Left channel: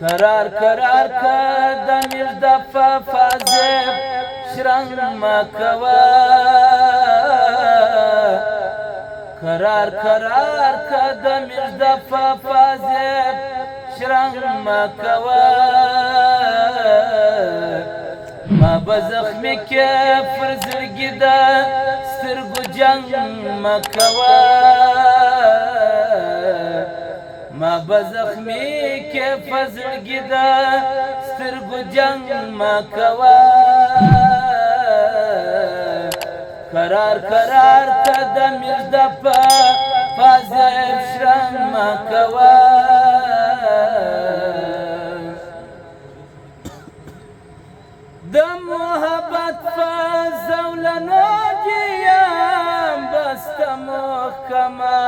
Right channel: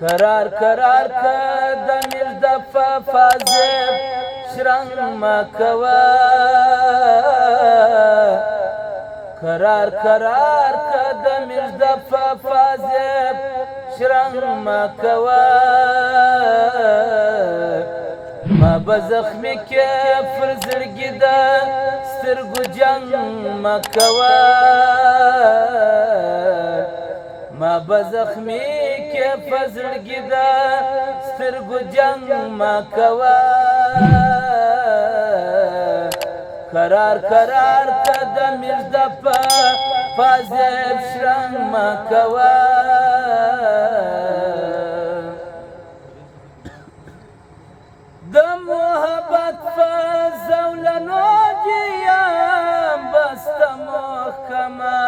قرار قرار که د مژده په فازب شرنګ مکوه قرار قرار که د مژده په فازب شرنګ مکوه ما به زخمي کې پر زړګي د سترګو جنګ مکوه ما به زخمي کې په زړګي د سترګو جنګ مکوه قرار قرار که د مژده په فازب شرنګ مکوه د محبت په زولنو جیم بسته محکمه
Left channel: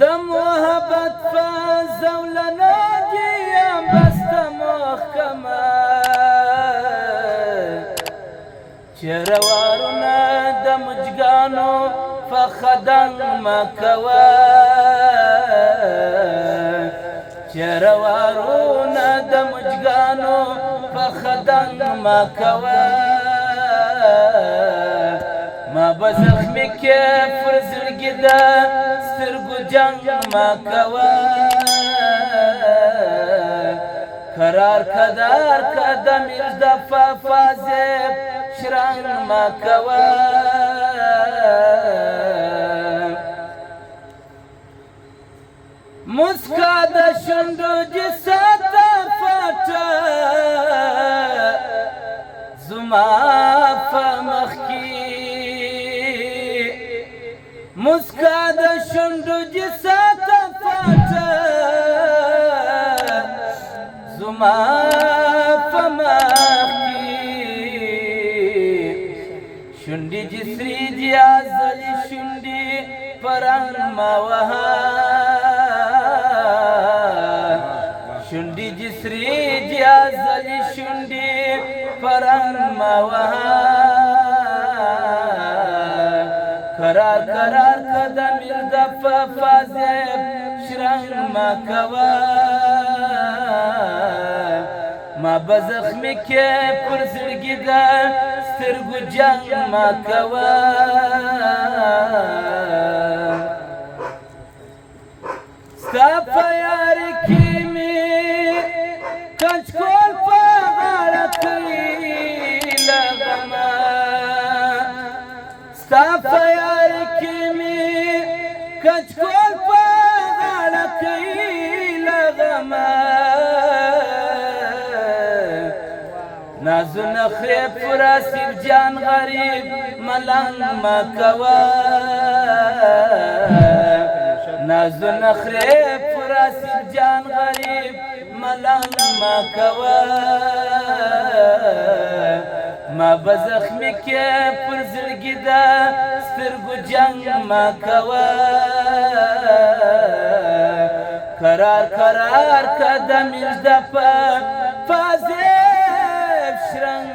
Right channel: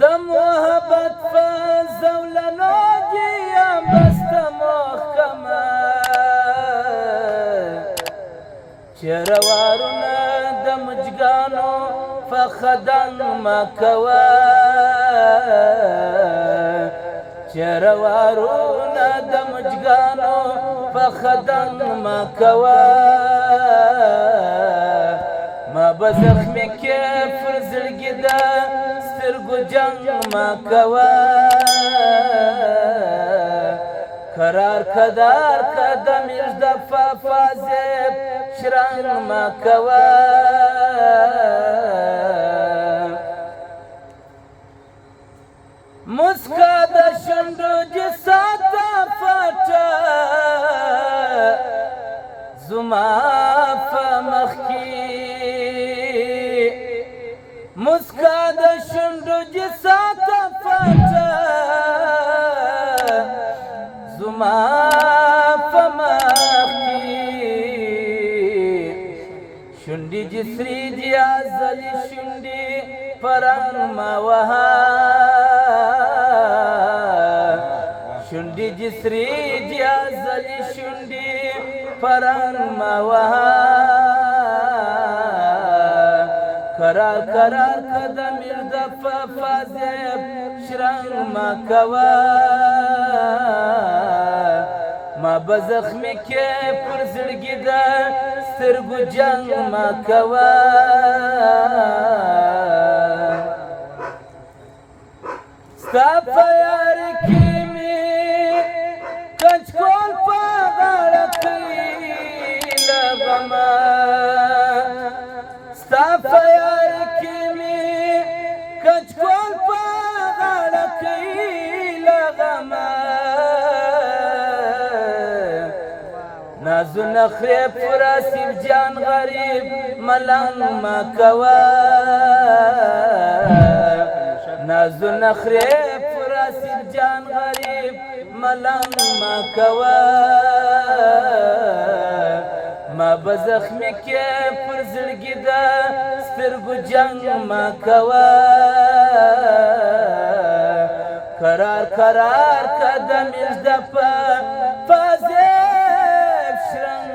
د محبت په زولنو جیم بسته محکمه چروارونه د مجګانو په خدنګ مکوه چروارونه د مجګانو په خدنګ مکوه ما به زخمي کې پر زړګي د سترګو جنګ مکوه قرار قدار که د مژده په فازب شرنګ مکوه مسکا د شونډو دې ساته پټه زما په مخ کې مسکا د شونډو دې ساته پټه زما په مخ کې شونډې دې سرې دي ازلي شونډې په رنګ ما وها شونډې دې سرې دي ازلي شونډې په رنګ ما وها قرار قرار که د مژده په فازب شرنګ مکوه ما به زخمي کې پر زړګي د سترګو جنګ مکوه ستا په یار کې مې کچکول په غاړه کې له غمه ستا په یار کې مې کچکول په غاړه کې له غمه نازو نخرې پر آصف جان غریب ملنګ مکوه نازو نخرې پر آصف جان غریب ملنګ مکوه ما به زخمي کې پر زړګي د سترګو جنګ مکوه قرار قرار که د مژده په فازب شرنګ